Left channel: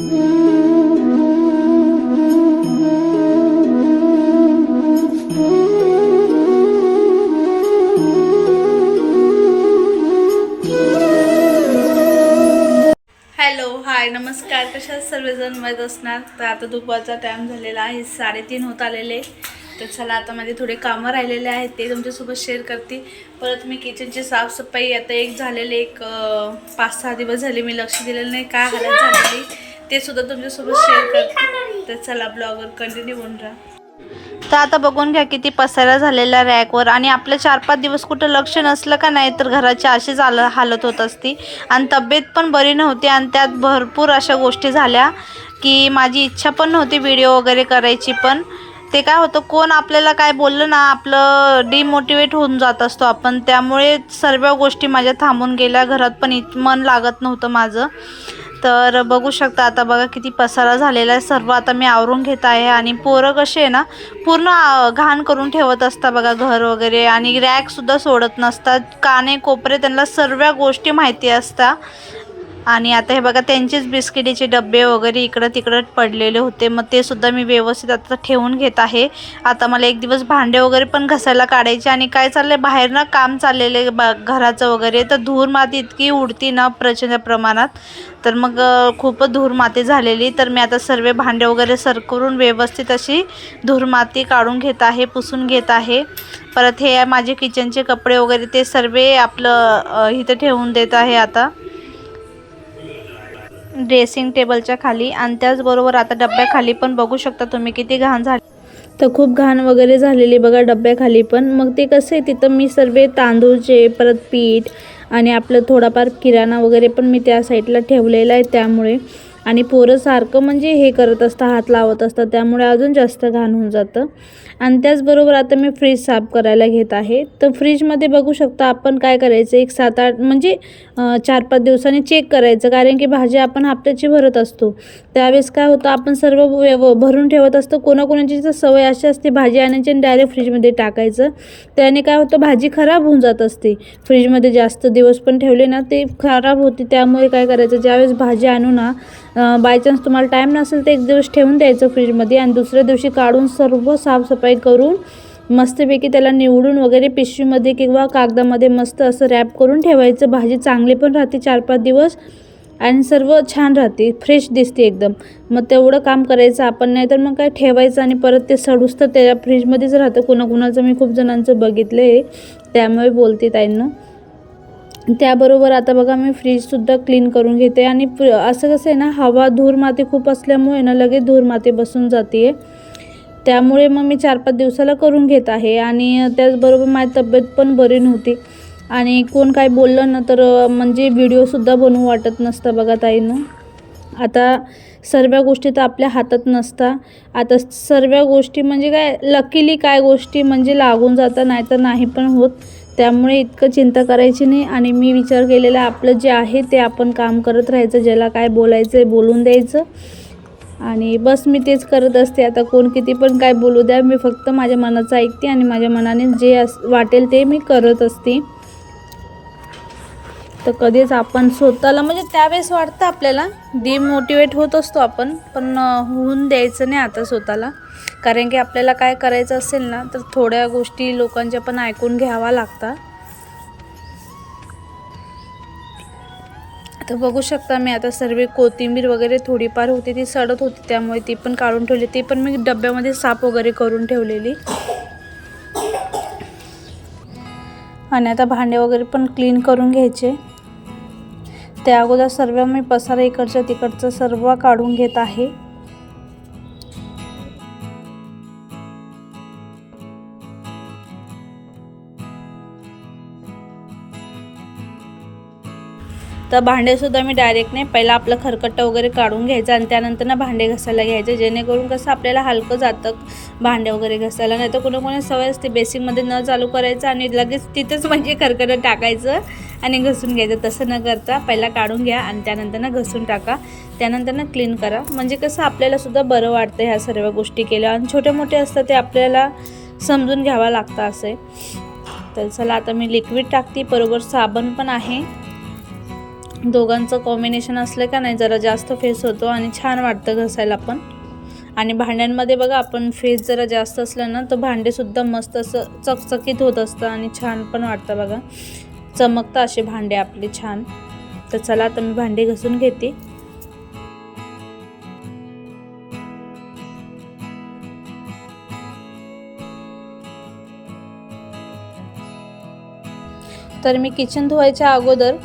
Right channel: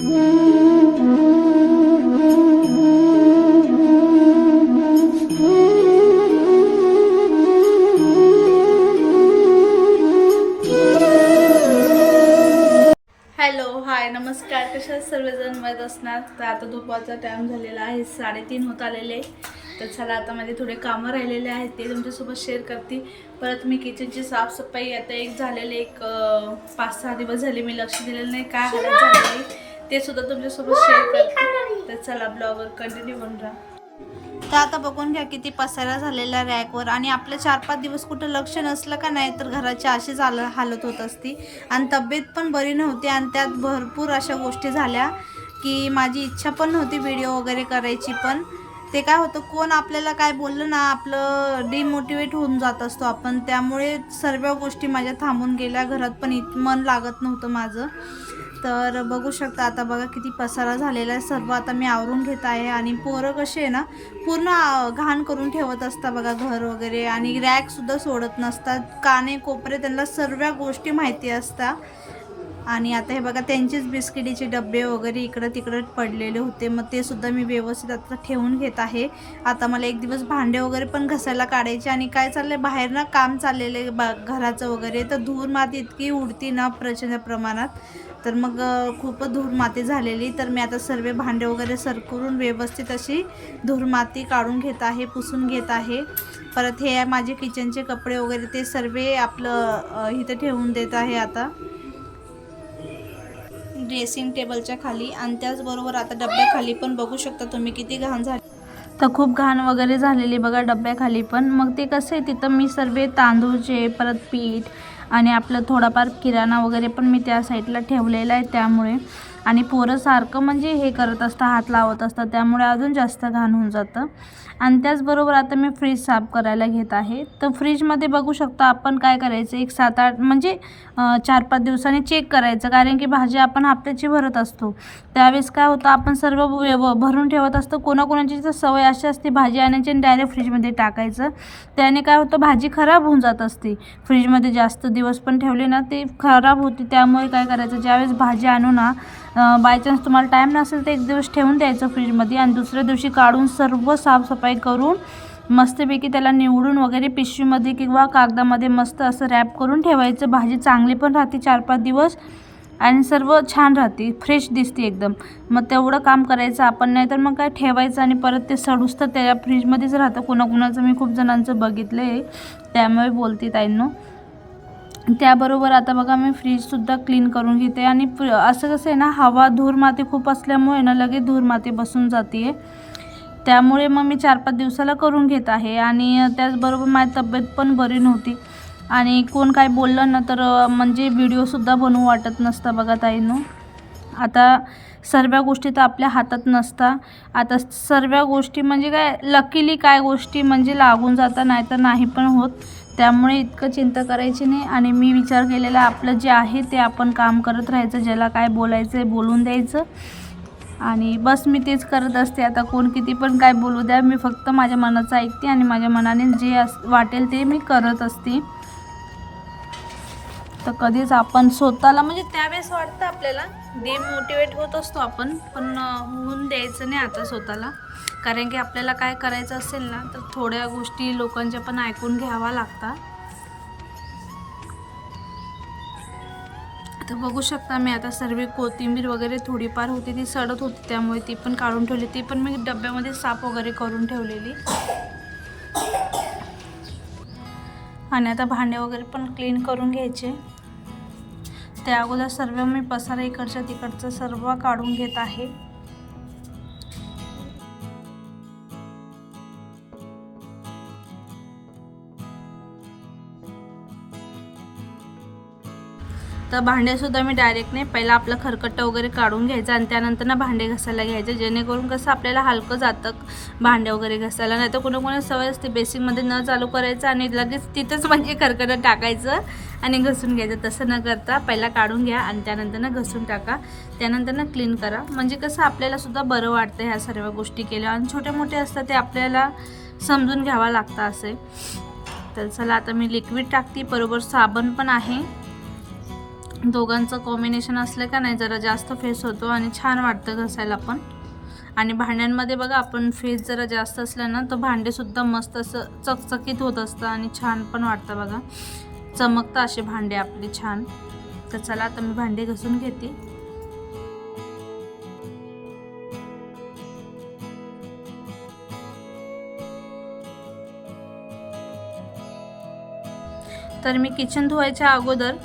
Hello hi नमस्कार. कशा सर्वजण? मत असणार? तर आता दुपारचा टाईम झालेला आहे. साडेतीन होत आलेले. तर चला आता माझे थोडे कामं राहिलेले आहेत. ते तुमच्यासोबत शेअर करते. परत मी किचनची साफसफाई आता एक झालेले एक पाच सहा दिवस झाले मी लक्ष दिलेलं नाही. काय हालत झालेली? ते सुद्धा तुमच्यासोबत शेअर करते. तर चला ब्लॉगवर कंटिन्यू होऊन राहा. तर आता बघून घ्या किती पसारा झालेला रॅकवर आणि आपलं चार पाच दिवस कुठं लक्ष नसलं का नाही तर घराची अशीच आल हालत होत असती. आणि तब्येत पण बरी नव्हती आणि त्यात भरपूर अशा गोष्टी झाल्या की माझी इच्छा पण नव्हती व्हिडिओ वगैरे करायची पण. ते काय होतं कोण आपल्याला काय बोललं ना आपलं डिमोटिवेट होऊन जात असतो आपण. त्यामुळे सर्व गोष्टी माझ्या थांबून गेल्या. घरात पण इत मन लागत नव्हतं माझं. तर बघू शकता आता बघा किती पसारा झालेला आहे. सर्व आता मी आवरून घेत आहे आणि पोरं कसे आहे ना पूर्ण घाण करून ठेवत असतात बघा घर वगैरे आणि रॅकसुद्धा सोडत नसतात. काने कोपरे त्यांना सर्व गोष्टी माहिती असतात. आणि आता हे बघा त्यांचेच बिस्किटीचे डबे वगैरे इकडं तिकडं पडलेले होते. मग ते सुद्धा मी व्यवस्थित आता ठेवून घेत आहे. आता मला एक दिवस भांडे वगैरे पण घसायला काढायचे आणि काय चाललंय? बाहेर ना काम चाललेलं आहे ब घराचं वगैरे. तर धूर माती इतकी उडती ना प्रचंड प्रमाणात. तर मग खूप खूपच धूर माती झालेली. तर मी आता सर्व भांडे वगैरे सरकवून व्यवस्थित अशी धूर माती काढून घेत आहे पुसून घेत आहे. परत हे माझे किचनचे कपडे वगैरे ते सर्व आपलं इथं ठेवून देत आहे आता. ड्रेसिंग टेबलच्या खाली आणि त्याचबरोबर आता डब्याखाली पण बघू शकता तुम्ही किती घाण झाली. तर खूप घाण वगैरे झालेली बघा डब्याखाली पण. मग ते कसं आहे तिथं मी सर्व तांदूळचे परत पीठ आणि आपलं थोडाफार किराणा वगैरे पण मी त्या साईडला ठेवलेला आहे त्यामुळे. आणि पोरं सारखं म्हणजे हे करत असतं हात लावत असतात त्यामुळे अजून जास्त घाण होऊन जातं. आणि त्याचबरोबर आता मी फ्रीज साफ करायला घेत आहे. तर फ्रीजमध्ये बघू शकता आपण काय करायचं एक सात आठ म्हणजे चार पाच दिवसांनी चेक करायचं. कारण की भाजी आपण हप्त्याची भरत असतो. त्यावेळेस काय होतं आपण सर्व व्यव- भरून ठेवत असतो. कोणाकोणाची तर सवय अशी असते भाजी आणायची आणि डायरेक्ट फ्रीजमध्ये टाकायचं. त्याने काय होतं भाजी खराब होऊन जात असते. फ्रीजमध्ये जास्त दिवस पण ठेवले ना ते खराब होते. त्यामुळे काय करायचं ज्यावेळेस भाजी आणू ना बाय चान्स तुम्हाला टाईम नसेल तर एक दिवस ठेवून द्यायचं फ्रीजमध्ये आणि दुसऱ्या दिवशी काढून सर्व साफसफाई करून मस्तपैकी त्याला निवडून वगैरे पिशवीमध्ये किंवा कागदामध्ये मस्त असं रॅप करून ठेवायचं. भाजी चांगली पण राहते चार पाच दिवस आणि सर्व छान राहते. फ्रेश दिसते एकदम. मग तेवढं काम करायचं आपण नाही तर मग काय ठेवायचं आणि परत ते सडूस तर त्या फ्रीजमध्येच राहतं. कोणाकोणाचं मी खूप जणांचं बघितलं आहे त्यामुळे बोलते ताईंनो. त्याबरोबर आता बघा मी फ्रीजसुद्धा क्लीन करून घेते आणि असं कसं आहे ना हवा धूर माती खूप असल्यामुळे ना लगेच धूर माती बसून जाते आहे त्यामुळे मग मी चार पाच दिवसाला करून घेत आहे आणि त्याचबरोबर माझी तब्येत पण बरी नव्हती. आणि कोण काय बोललं ना तर म्हणजे व्हिडिओसुद्धा बनवू वाटत नसतं बघा ताईनो. आता सर्व गोष्टी तर आपल्या हातात नसता. आता सर्व गोष्टी म्हणजे काय लकीली काय गोष्टी म्हणजे लागून जाता नाही तर नाही पण होत. त्यामुळे इतकं चिंता करायची नाही आणि मी विचार केलेला आपलं जे आहे ते आपण काम करत राहायचं ज्याला काय बोलायचं आहे बोलून द्यायचं. आणि बस मी तेच करत असते. आता कोण किती पण काय बोलू द्या मी फक्त माझ्या मनाचं ऐकते आणि माझ्या मनाने जे अस वाटेल ते मी करत असते. तर कधीच आपण स्वतःला म्हणजे त्यावेळेस वाटतं आपल्याला डिमोटिवेट होत असतो आपण पण होऊन द्यायचं नाही आता स्वतःला. कारण की आपल्याला काय करायचं असेल ना तर थोड्या गोष्टी लोकांच्या पण ऐकून घ्यावा लागतात. तर बघू शकता मी आता सर्व कोथिंबीर वगैरे थोडीफार होती ती सडत होती त्यामुळे ती पण काढून ठेवली. ती पण मी डब्यामध्ये साफ वगैरे करून ठेवलेली. आणि आता भांडे वगैरे पण क्लीन करून घ्यायचे. त्या अगोदर सर्व मी पसारा इकडचं तिकडचं सर्व काढून घेत आहे. तर भांडेसुद्धा मी डायरेक्ट नाही. पहिला आपलं खरकटं वगैरे काढून घ्यायचं आणि त्यानंतर ना भांडे घासायला घ्यायचे. जेणेकरून कसं आपल्याला हलकं जातं भांडे वगैरे घासायला. नाही तर कोणाकोणा सवय असते बेसिकमध्ये न चालू करायचं आणि लगेच तिथंच म्हणजे खरकटं टाकायचं आणि घसून घ्यायचं. तसं न करता पहिला काढून घ्या आणि त्यानंतर ना घसून टाका. त्यानंतर ना क्लीन करा. म्हणजे कसं आपल्याला सुद्धा बरं वाटतं ह्या सर्व गोष्टी केल्या आणि छोटे मोठे असतात ते आपल्याला समजून घ्यावा लागतं असे तर चला आता मी लिक्विड टाकते. बरोबर साबण पण आहे. दोघांचं कॉम्बिनेशन असलं का नाही जरा जास्त फेस होतो आणि छान वाटतं घसायला पण. आणि भांड्यांमध्ये बघा आपण फेस जरा जास्त असलं ना तर भांडेसुद्धा मस्त असं चकचकीत होत असतं आणि छान पण वाटतं बघा. चमकतं असे भांडे आपले छान. तर चला आता मी भांडे घासून घेते. तर मी किचन धुवायच्या अगोदर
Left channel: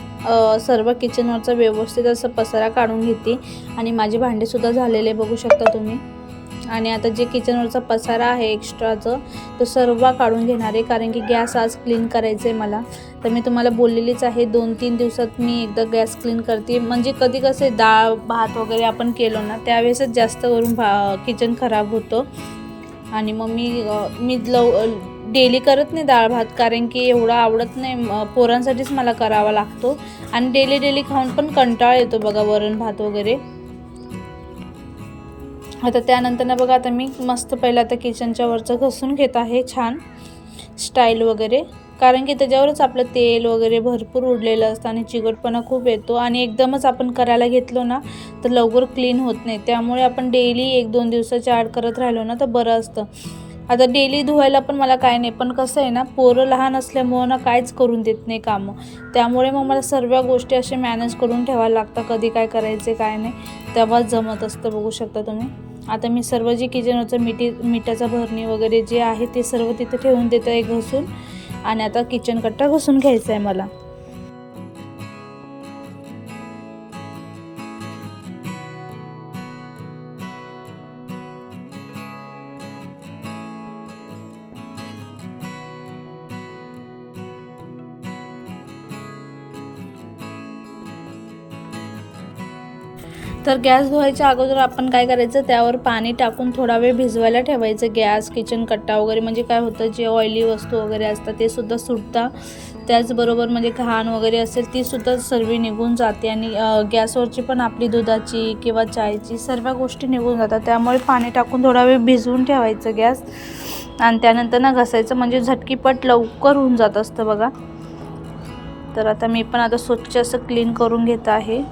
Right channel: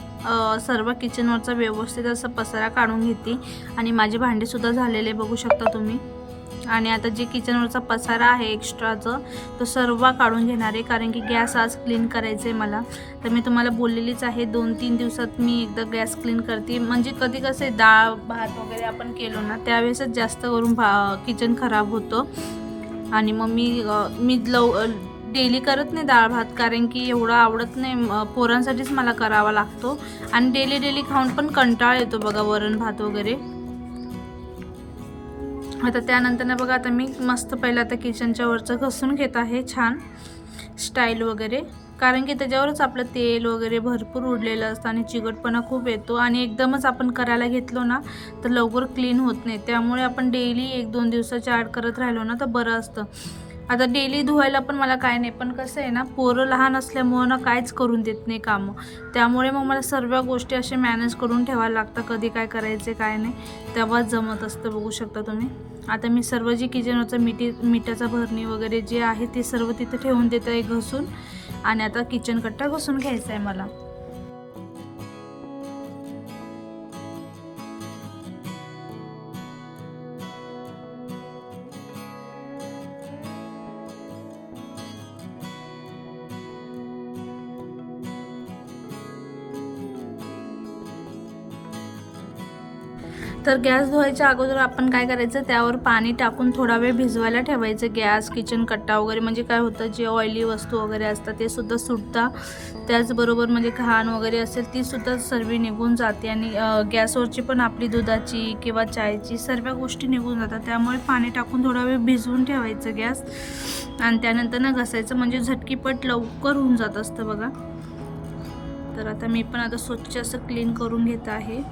सर्व किचनवरचा व्यवस्थित असं पसारा काढून घेते. आणि माझे भांडेसुद्धा झालेले बघू शकता तुम्ही. आणि आता जे किचनवरचा पसारा आहे एक्स्ट्राचं तो सर्व काढून घेणार आहे कारण की गॅस आज क्लीन करायचं आहे मला. तर मी तुम्हाला बोललेलीच आहे दोन तीन दिवसात मी एकदा गॅस क्लीन करते. म्हणजे कधी कसं आहे डाळ भात वगैरे आपण केलो ना त्यावेळेसच जास्त करून भा किचन खराब होतं. आणि मग मी मी लव डेली करत नाही डाळ भात कारण की एवढं आवडत नाही. पोरांसाठीच मला करावा लागतो. आणि डेली डेली खाऊन पण कंटाळ येतो बघा वरण भात वगैरे. आता त्यानंतर ना बघा आता मी मस्त पहिलं आता किचनच्या वरचं घसून घेत आहे छान. स्टाईल वगैरे. कारण की त्याच्यावरच आपलं तेल वगैरे भरपूर उडलेलं असतं आणि चिकटपणा खूप येतो. आणि एकदमच आपण करायला घेतलो ना तर लवकर क्लीन होत नाही. त्यामुळे आपण डेली एक दोन दिवसाच्या आड करत राहिलो ना तर बरं असतं. आता डेली धुवायला पण मला काय नाही पण कसं आहे ना पोरं लहान असल्यामुळं ना काहीच करून देत नाही कामं. त्यामुळे मग मला सर्व गोष्टी असे मॅनेज करून ठेवायला लागतं कधी काय करायचे काय नाही. तेव्हाच जमत असतं बघू शकता तुम्ही. आता मी सर्व जे किचनवरचं मिठी मिठाचा भरणी वगैरे जे आहे ते सर्व तिथे ठेवून देतं आहे घसून. आणि आता किचन कट्टा घसून घ्यायचा आहे मला. तर गॅस धुवायच्या अगोदर आपण काय करायचं त्यावर पाणी टाकून थोडा वेळ भिजवायला ठेवायचं. गॅस किचन कट्टा वगैरे म्हणजे काय होतं जे ऑइली वस्तू वगैरे असतात ते सुद्धा सुटता. त्याचबरोबर म्हणजे घाण वगैरे असेल ती सुद्धा सर्व निघून जाते आणि गॅसवरची पण आपली दुधाची किंवा चायची सर्व गोष्टी निघून जातात. त्यामुळे पाणी टाकून थोडा वेळ भिजवून ठेवायचं गॅस. आणि त्यानंतर ना घसायचं म्हणजे झटकीपट लवकर होऊन जात असतं बघा. तर आता मी पण आता स्वच्छ असं क्लीन करून घेत आहे.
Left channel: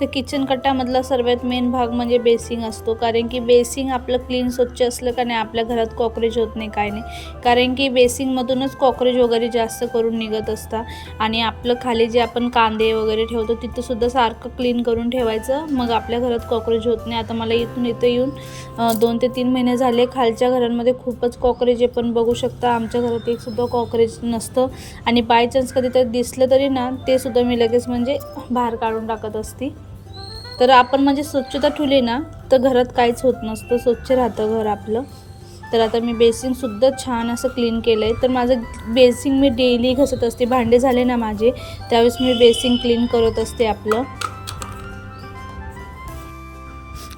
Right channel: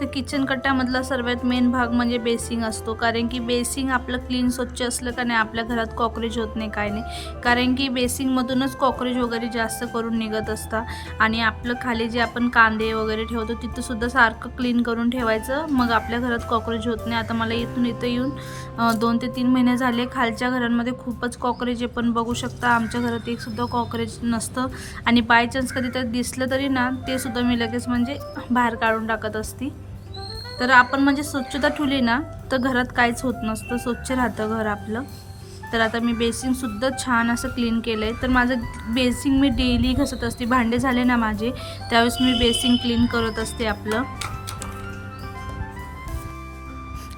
तर किचन कट्ट्यामधला सर्वात मेन भाग म्हणजे बेसिंग असतो. कारण की बेसिंग आपलं क्लीन स्वच्छ असलं का नाही आपल्या घरात कॉक्रोच होत नाही काय नाही. कारण की बेसिंगमधूनच कॉक्रोच वगैरे जास्त करून निघत असतात. आणि आपलं खाली जे आपण कांदे वगैरे ठेवतो तिथंसुद्धा सारखं क्लीन करून ठेवायचं. मग आपल्या घरात कॉक्रोच होत नाही. आता मला इथून इथं येऊन दोन ते तीन महिने झाले. खालच्या घरांमध्ये खूपच कॉक्रोच आहे. पण बघू शकता आमच्या घरात एकसुद्धा कॉकरेज कॉक्रोच नसतं. आणि बाय चान्स कधी तर दिसलं तरी ना ते सुद्धा मी लगेच म्हणजे बाहेर काढून टाकत असती. तर आपण म्हणजे स्वच्छता ठेवली ना तर घरात काहीच होत नसतं. स्वच्छ राहतं घर आपलं. तर आता मी बेसिनसुद्धा छान असं क्लीन केलं आहे तर माझं बेसिंग मी डेली घसत असते. भांडे झाले ना माझे त्यावेळेस मी बेसिंग क्लीन करत असते आपलं.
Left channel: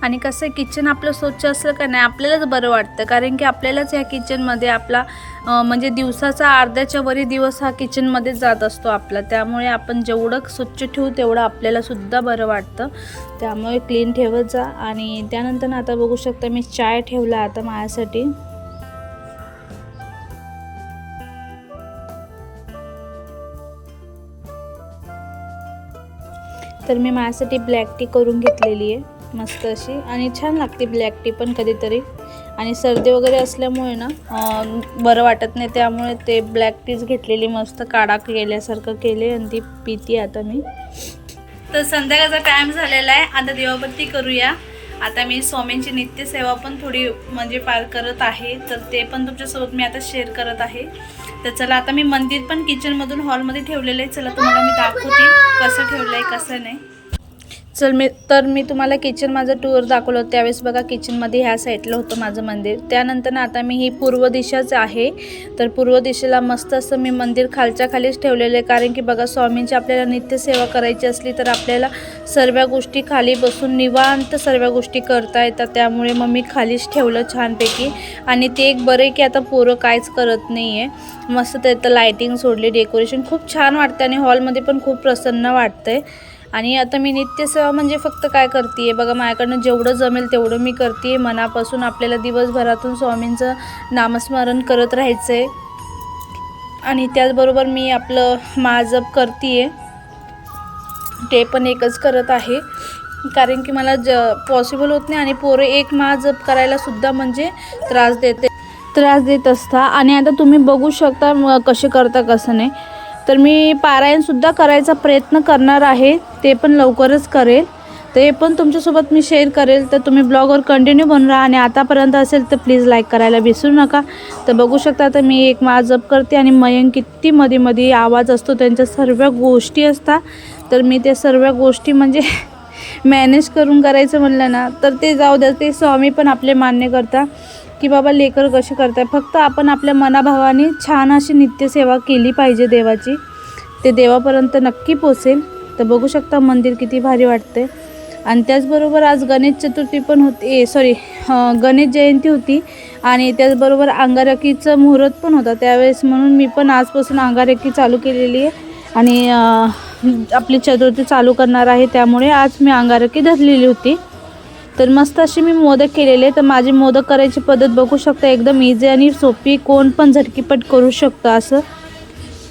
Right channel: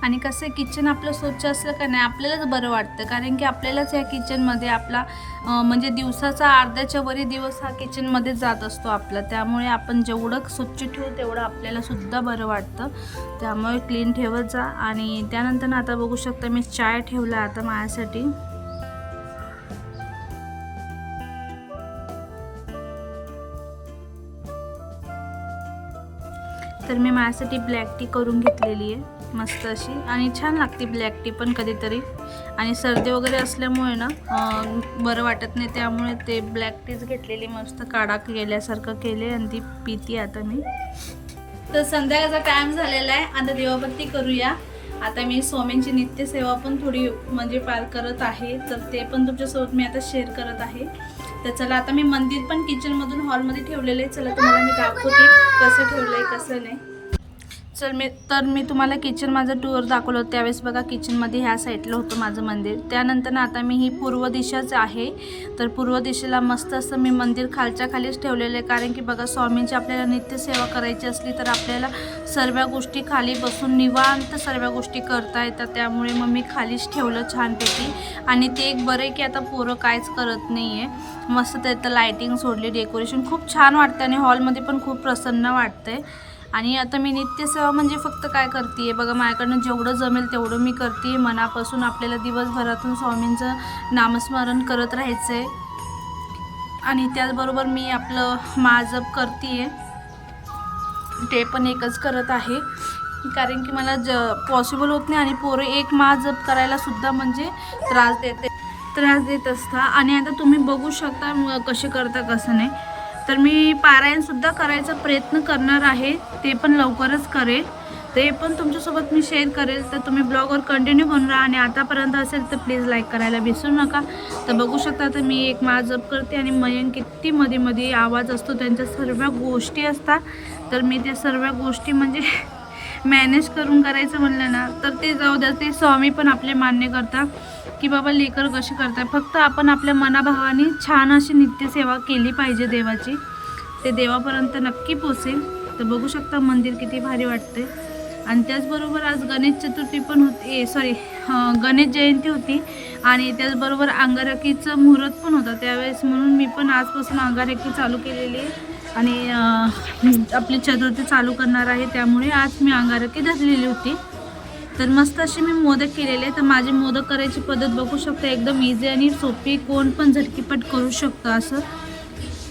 आणि कसं किचन आपलं स्वच्छ असलं का नाही आपल्यालाच बरं वाटतं. कारण की आपल्यालाच ह्या किचनमध्ये आपला म्हणजे दिवसाचा अर्ध्याच्या वरी दिवस हा किचनमध्येच जात असतो आपला. त्यामुळे आपण जेवढं स्वच्छ ठेवू तेवढं आपल्यालासुद्धा बरं वाटतं. त्यामुळे क्लीन ठेवत जा. आणि त्यानंतर ना आता बघू शकता मी चाय ठेवला आता माझ्यासाठी. तर मी माझ्यासाठी ब्लॅक टी करून घेतलेली आहे. मस्त अशी. आणि छान लागते ब्लॅक टी पण कधीतरी. आणि सर्दी वगैरे असल्यामुळे ना बरं वाटत नाही. त्यामुळे ते ब्लॅक टीच घेतलेली मस्त काढा केल्यासारखं केले आणि ती पिती आता मी. तर संध्याकाळचा टाइम झालेला आहे. आता देवाबत्ती करूया. आता मी स्वामींची नित्यसेवा पण थोडी म्हणजे पार करत आहे. तर ते पण तुमच्यासोबत मी आता शेअर करत आहे. तर चला आता मी मंदिर पण किचनमधून हॉलमध्ये ठेवलेलं आहे. चला तुम्हाला मी दाखवते कसं ठेवलं आहे कसं नाही. चल मी तर मी तुम्हाला किचन माझं टूर दाखवलं होतं. त्यावेळेस बघा किचनमध्ये ह्या साईडला होतं माझं मंदिर. त्यानंतर ना आता मी ही पूर्व दिशाच आहे. तर पूर्व दिशेला मस्त असं मी मंदिर खालच्या खालीच ठेवलेलं आहे. कारण की बघा स्वामींची आपल्याला नित्यसेवा करायची असली तर आपल्याला सर्व गोष्टी खाली बसून निवांत सर्व गोष्टी करता येतात. त्यामुळे मग मी खालीच ठेवलं छानपैकी. आणि ते एक बरं आहे की आता पोरं काहीच करत नाही आहे मस्त त्यात लायटिंग सोडली डेकोरेशन खूप छान वाटतं आणि हॉलमध्ये पण खूप प्रसन्न वाटतं आहे आणि आता मी नित्यसेवा म्हणजे फक्त काय करते आहे बघा माझ्याकडनं जेवढं जमेल तेवढं मी करते आहे मनापासून आपल्याला दिवसभरातून स्वामींचं नामस्मरण करत राहायचं आहे आणि त्याचबरोबर मी आपलं माजप करते आहे ते पण एकच करत आहे. कारण की मला ज पॉसिबल होत नाही आणि पोरं एक महाजप करायला सुद्धा म्हणजे त्रास देते. त्रास देत असता. आणि आता तुम्ही बघू शकता म- कसे करता कसं नाही. तर मी पारायणसुद्धा करायचा प्रयत्न करणार आहे. ते पण लवकरच करेल. ते पण तुमच्यासोबत मी शेअर करेल. तर तुम्ही ब्लॉगवर कंटिन्यू बनून राहा आणि आतापर्यंत असेल तर प्लीज लाईक करायला विसरू नका. तर बघू शकता तर मी एक जप करते आणि मयंक किती मध्ये मध्ये आवाज असतो त्यांच्या सर्व गोष्टी असतात. तर मी त्या सर्व गोष्टी म्हणजे मॅनेज करून करायचं म्हणलं ना तर ते जाऊ द्या. ते स्वामी पण आपले मान्य करता की बाबा लेकर कसे करताय. फक्त आपण आपल्या मनाभावाने छान अशी नित्यसेवा केली पाहिजे देवाची. ते देवापर्यंत नक्की पोचेल. तर बघू शकता मंदिर किती भारी वाटते आणि त्याचबरोबर आज गणेश चतुर्थी पण होती सॉरी गणेश जयंती होती आणि त्याचबरोबर अंगारकीचं मुहूर्त पण होता. त्यावेळेस म्हणून मी पण आजपासून अंगारकी चालू केलेली आहे आणि आपली चतुर्थी चालू करणार आहे. त्यामुळे आज मी अंगारकी धरलेली होती. तर मस्त अशी मी मोदक केलेले तर माझी मोदक करायची पद्धत बघू शकता एकदम इझी आणि सोपी. कोण पण झटकीपट करू शकतं असं.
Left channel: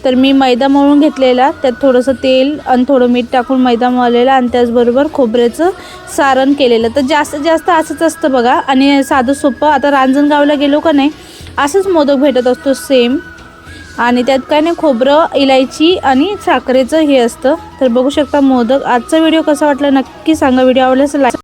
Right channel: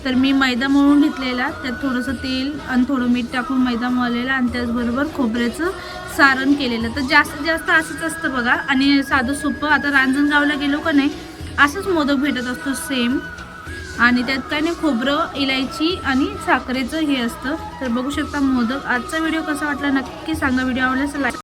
तर मी मैदा मळून घेतलेला. त्यात थोडंसं तेल आणि थोडं मीठ टाकून मैदा मळलेला आणि त्याचबरोबर खोबऱ्याचं सारण केलेलं. तर जास्तीत जास्त असंच असतं बघा. आणि साधं सोपं. आता रांजणगावला गेलो का नाही असंच मोदक भेटत असतो सेम आणि त्यात काय नाही खोबरं इलायची आणि साखरेचं हे असतं. तर बघू शकता मोदक. आजचा व्हिडिओ कसा वाटला नक्की सांगा. व्हिडिओ आवडल्यास लाईक